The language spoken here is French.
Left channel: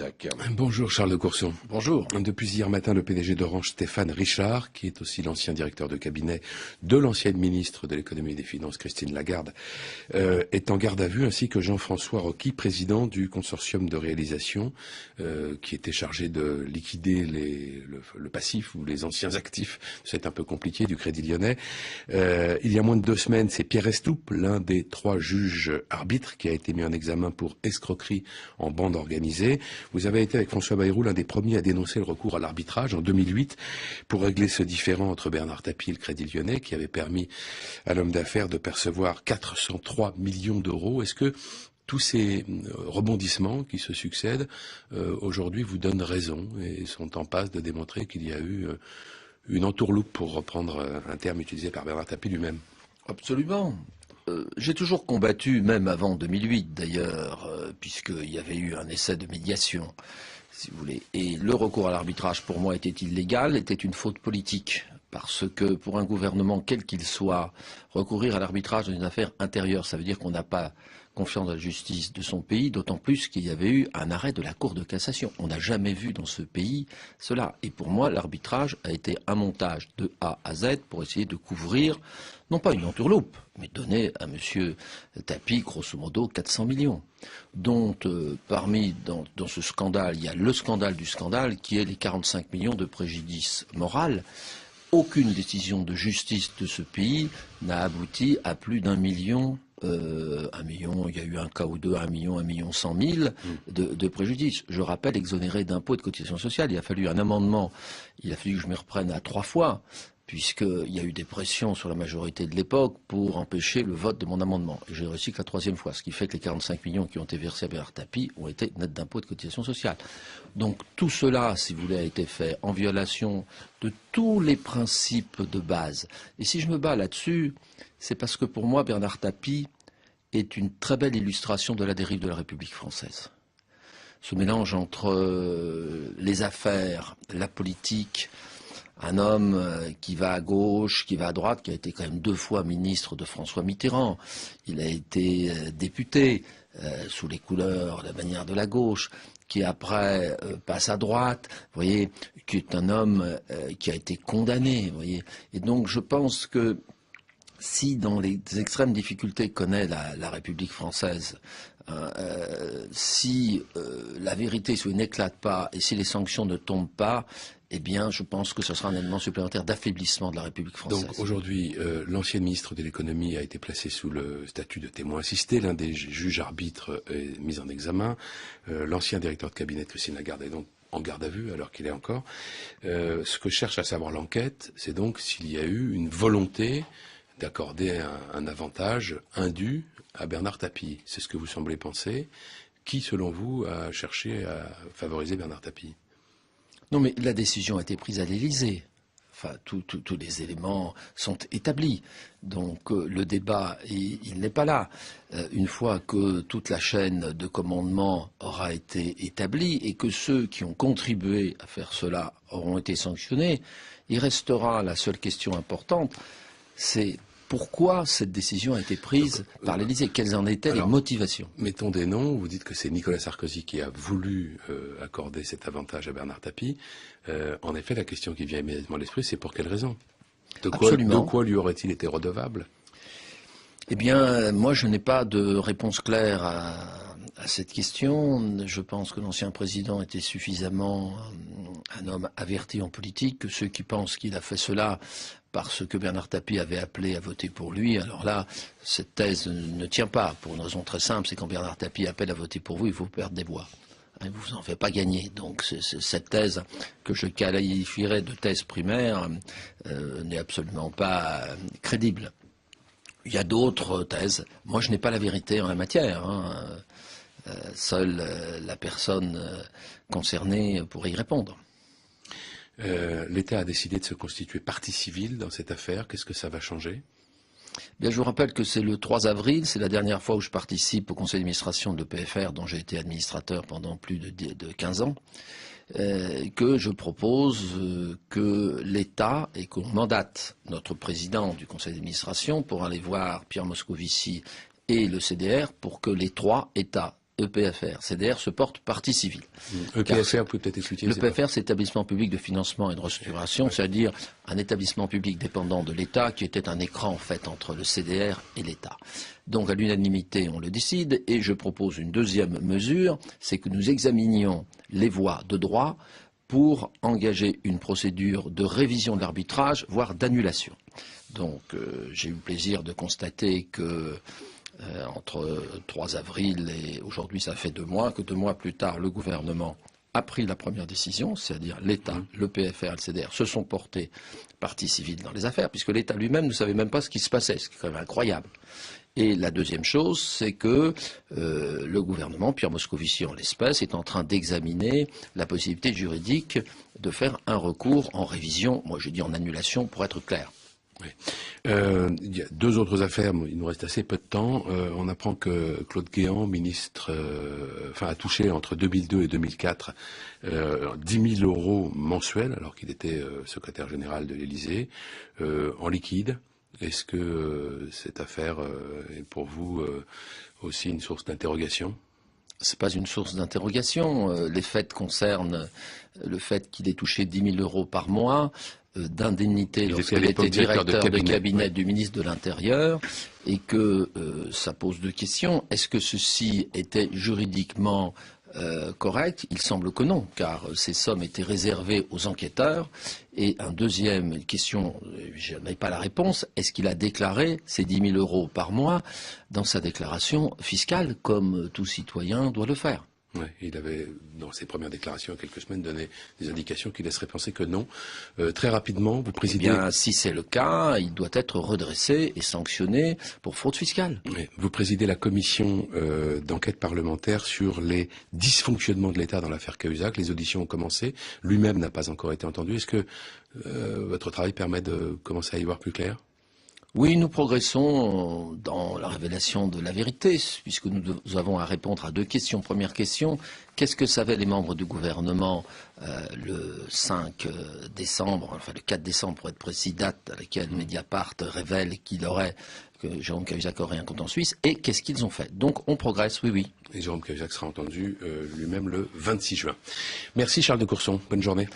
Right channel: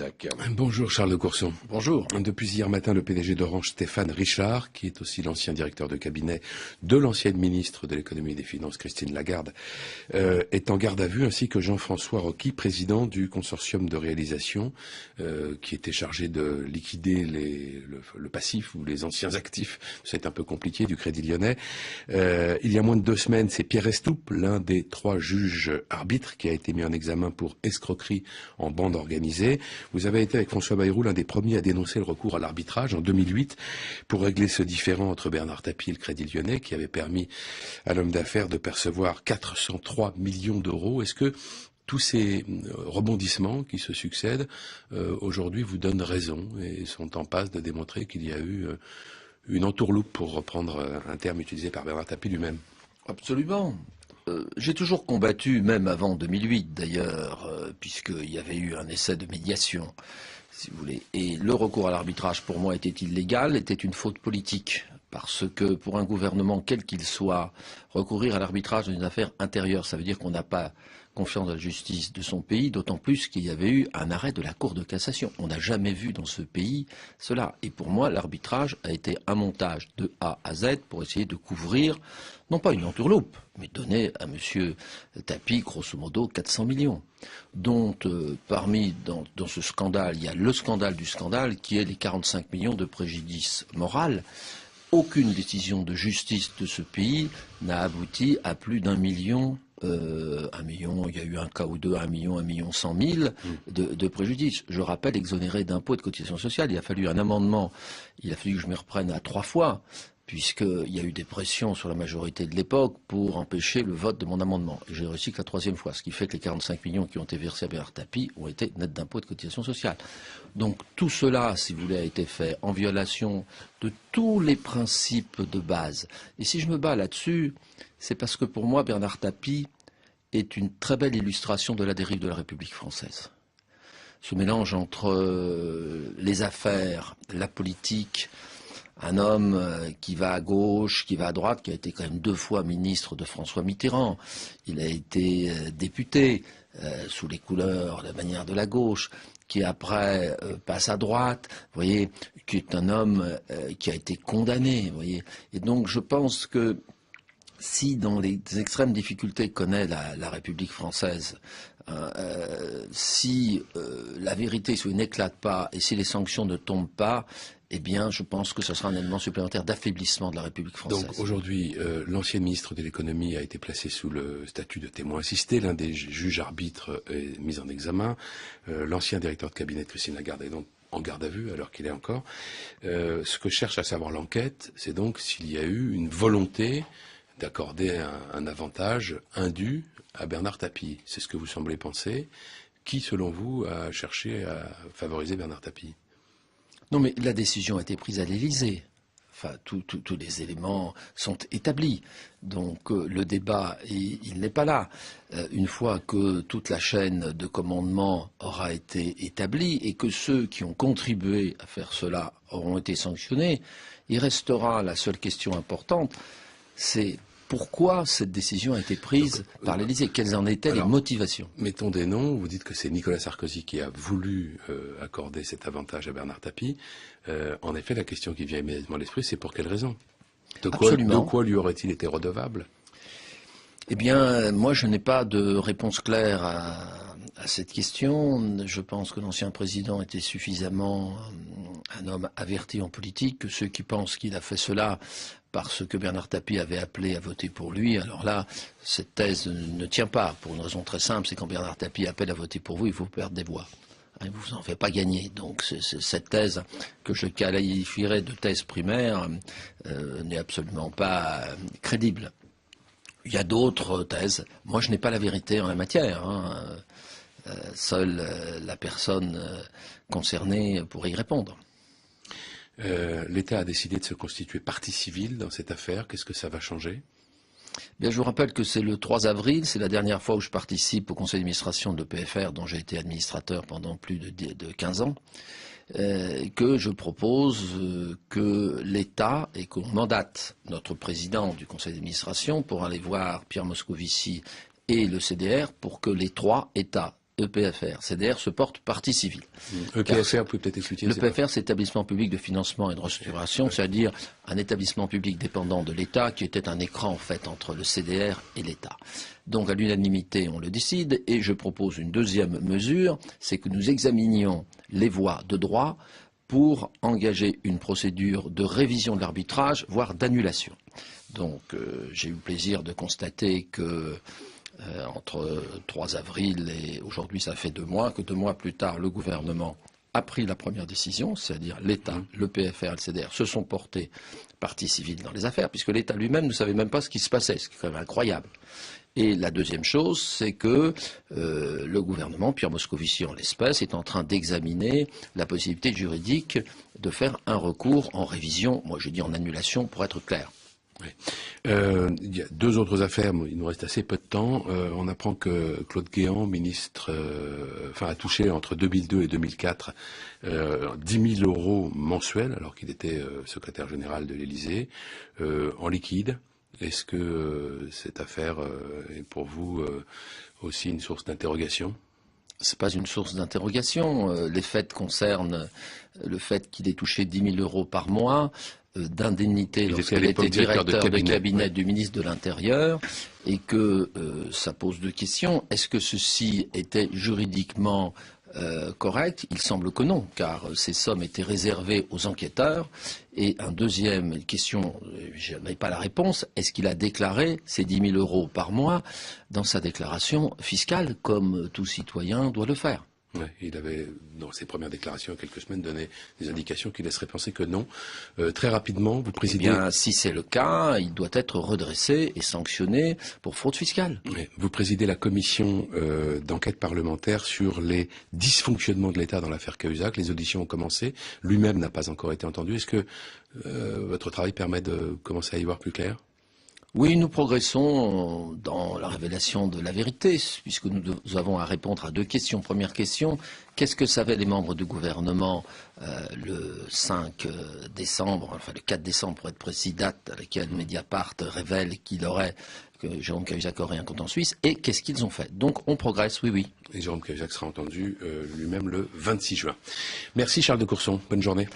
Tac. Bonjour Charles de Courson. Bonjour. Depuis hier matin, le PDG d'Orange, Stéphane Richard, qui est aussi l'ancien directeur de cabinet de l'ancienne ministre de l'économie et des finances, Christine Lagarde, est en garde à vue, ainsi que Jean-François Rocky, président du consortium de réalisation, qui était chargé de liquider le passif ou les anciens actifs, c'est un peu compliqué, du Crédit Lyonnais. Il y a moins de 2 semaines, c'est Pierre Estoup, l'un des 3 juges arbitres, qui a été mis en examen pour escroquerie en bande organisée. Vous avez été avec François Bayrou l'un des premiers à dénoncer le recours à l'arbitrage en 2008 pour régler ce différend entre Bernard Tapie et le Crédit Lyonnais qui avait permis à l'homme d'affaires de percevoir 403 millions d'euros. Est-ce que tous ces rebondissements qui se succèdent aujourd'hui vous donnent raison et sont en passe de démontrer qu'il y a eu une entourloupe, pour reprendre un terme utilisé par Bernard Tapie lui-même? Absolument. J'ai toujours combattu, même avant 2008 d'ailleurs, puisqu'il y avait eu un essai de médiation, si vous voulez. Et le recours à l'arbitrage, pour moi, était illégal, était une faute politique. Parce que pour un gouvernement, quel qu'il soit, recourir à l'arbitrage dans une affaire intérieure, ça veut dire qu'on n'a pas confiance dans la justice de son pays, d'autant plus qu'il y avait eu un arrêt de la Cour de cassation. On n'a jamais vu dans ce pays cela. Et pour moi, l'arbitrage a été un montage de A à Z pour essayer de couvrir, non pas une entourloupe, mais donner à M. Tapie, grosso modo, 400 millions. Dont, dans ce scandale, il y a le scandale du scandale, qui est les 45 millions de préjudice moral. Aucune décision de justice de ce pays n'a abouti à plus d'1 million. 1 million, il y a eu un cas ou deux, 1 million, 100 000 de préjudice. Je rappelle, exonéré d'impôts et de cotisations sociales, il a fallu un amendement, il a fallu que je m'y reprenne à 3 fois, puisqu'il y a eu des pressions sur la majorité de l'époque pour empêcher le vote de mon amendement. J'ai réussi que la 3e fois, ce qui fait que les 45 millions qui ont été versés à Bernard Tapie ont été nets d'impôts et de cotisations sociales. Donc tout cela, si vous voulez, a été fait en violation de tous les principes de base. Et si je me bats là-dessus, c'est parce que pour moi, Bernard Tapie est une très belle illustration de la dérive de la République française. Ce mélange entre les affaires, la politique, un homme qui va à gauche, qui va à droite, qui a été quand même 2 fois ministre de François Mitterrand. Il a été député sous les couleurs, la bannière de la gauche, qui après passe à droite, vous voyez, qui est un homme qui a été condamné, vous voyez. Et donc je pense que si dans les extrêmes difficultés que connaît la République française, si la vérité n'éclate pas et si les sanctions ne tombent pas, eh bien, je pense que ce sera un élément supplémentaire d'affaiblissement de la République française. Donc aujourd'hui, l'ancien ministre de l'économie a été placé sous le statut de témoin assisté. L'un des juges arbitres est mis en examen. L'ancien directeur de cabinet, Christine Lagarde, est donc en garde à vue, alors qu'il est encore. Ce que cherche à savoir l'enquête, c'est donc s'il y a eu une volonté d'accorder un avantage indu à Bernard Tapie. C'est ce que vous semblez penser. Qui, selon vous, a cherché à favoriser Bernard Tapie? Non, mais la décision a été prise à l'Élysée. Enfin, tous les éléments sont établis. Donc, le débat, il n'est pas là. Une fois que toute la chaîne de commandement aura été établie et que ceux qui ont contribué à faire cela auront été sanctionnés, il restera la seule question importante, c'est pourquoi cette décision a été prise par l'Élysée? Quelles en étaient les motivations? Mettons des noms. Vous dites que c'est Nicolas Sarkozy qui a voulu accorder cet avantage à Bernard Tapie. En effet, la question qui vient immédiatement à l'esprit, c'est pour quelle raison? De quoi lui aurait-il été redevable? Eh bien, moi, je n'ai pas de réponse claire à cette question. Je pense que l'ancien président était suffisamment un homme averti en politique, que ceux qui pensent qu'il a fait cela parce que Bernard Tapie avait appelé à voter pour lui, alors là, cette thèse ne tient pas, pour une raison très simple, c'est quand Bernard Tapie appelle à voter pour vous, il faut perdre des voix. Il ne vous en fait pas gagner. Donc cette thèse que je qualifierais de thèse primaire n'est absolument pas crédible. Il y a d'autres thèses. Moi, je n'ai pas la vérité en la matière. Seule la personne concernée pourrait y répondre. L'État a décidé de se constituer partie civile dans cette affaire. Qu'est-ce que ça va changer? Bien, je vous rappelle que c'est le 3 avril, c'est la dernière fois où je participe au conseil d'administration de l'EPFR, dont j'ai été administrateur pendant plus de 15 ans, que je propose que l'État et qu'on mandate notre président du conseil d'administration pour aller voir Pierre Moscovici et le CDR pour que les 3 États, EPFR. CDR se porte partie civile. EPFR, vous pouvez peut-être expliquer. L'EPFR, c'est établissement public de financement et de restructuration, c'est-à-dire un établissement public dépendant de l'État qui était un écran en fait entre le CDR et l'État. Donc à l'unanimité, on le décide et je propose une deuxième mesure, c'est que nous examinions les voies de droit pour engager une procédure de révision de l'arbitrage, voire d'annulation. Donc j'ai eu le plaisir de constater que entre 3 avril et aujourd'hui, ça fait 2 mois, que 2 mois plus tard, le gouvernement a pris la première décision, c'est-à-dire l'État, le PFR et le CDR se sont portés partie civile dans les affaires, puisque l'État lui-même ne savait même pas ce qui se passait, ce qui est quand même incroyable. Et la deuxième chose, c'est que le gouvernement, Pierre Moscovici en l'espèce, est en train d'examiner la possibilité juridique de faire un recours en révision, moi j'ai dit en annulation pour être clair. Oui. Il y a 2 autres affaires, il nous reste assez peu de temps. On apprend que Claude Guéant, ministre, a touché entre 2002 et 2004 10 000 euros mensuels, alors qu'il était secrétaire général de l'Élysée, en liquide. Est-ce que cette affaire est pour vous aussi une source d'interrogation ? Ce n'est pas une source d'interrogation. Les faits concernent le fait qu'il ait touché 10 000 euros par mois d'indemnité lorsqu'il était directeur de cabinet du ministre de l'Intérieur et que ça pose 2 questions. Est-ce que ceci était juridiquement correct? Il semble que non, car ces sommes étaient réservées aux enquêteurs. Et une deuxième question, je n'ai pas la réponse, est-ce qu'il a déclaré ces 10 000 euros par mois dans sa déclaration fiscale, comme tout citoyen doit le faire? Oui, il avait, dans ses premières déclarations, il y a quelques semaines, donné des indications qui laisseraient penser que non. Très rapidement, vous présidez... Eh bien, si c'est le cas, il doit être redressé et sanctionné pour fraude fiscale. Oui, vous présidez la commission d'enquête parlementaire sur les dysfonctionnements de l'État dans l'affaire Cahuzac. Les auditions ont commencé. Lui-même n'a pas encore été entendu. Est-ce que votre travail permet de commencer à y voir plus clair ? Oui, nous progressons dans la révélation de la vérité, puisque nous avons à répondre à 2 questions. Première question, qu'est-ce que savaient les membres du gouvernement le 5 décembre, enfin le 4 décembre pour être précis, date à laquelle Mediapart révèle que Jérôme Cahuzac aurait un compte en Suisse, et qu'est-ce qu'ils ont fait? Donc on progresse, oui. Et Jérôme Cahuzac sera entendu lui-même le 26 juin. Merci Charles de Courson, bonne journée.